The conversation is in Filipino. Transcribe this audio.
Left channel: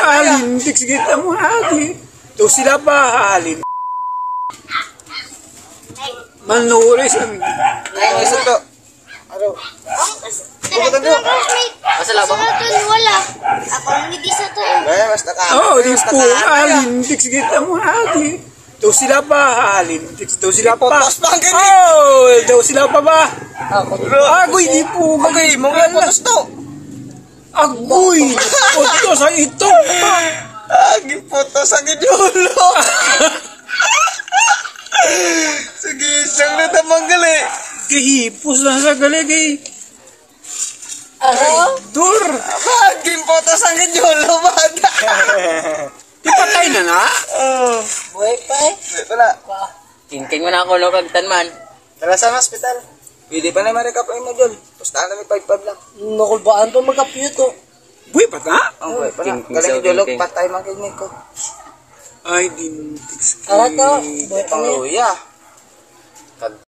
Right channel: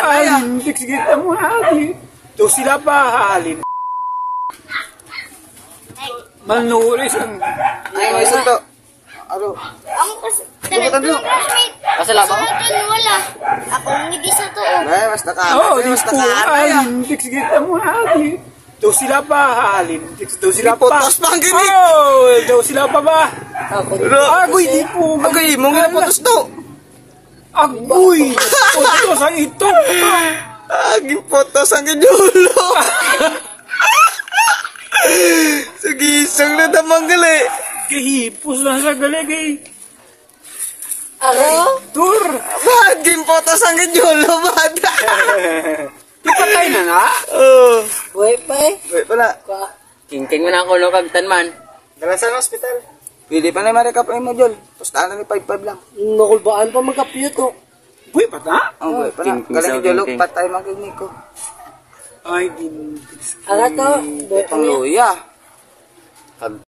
alin, sige mo hali. Daw sila pa alin. Manuris ang... Ngayon, isa to. Aro. Masala ba? Wala. Ako hindi sa to. Basta ka. Oo, di po alin, sige mo hali. Daw sila pa alin. Daw sila pa. Oh, daw sila pa ba? Agoy, di po. Okay, mga potos to. Agoy, potos ang ito. Agi potos ang idulo. Sige, isang na tamanggal eh. Kahipos na sa gali kay... Aro? Dur! Agi potos ang idulo, bata. Ipatay na na? Oo. Buhay pa eh. Wait pala. King mo na ako no kagtanman. Dala sa hospital. Pwede pa na marikap mo, Jol. Pustahan na ni 5-5 lang. Nakulbaan pa magkapiyot to. Buhay pa na? Ang buhay pa na. Galing Jolog, patay makinig ko. Ay, din... Ano to? Buhay pa Pangluya.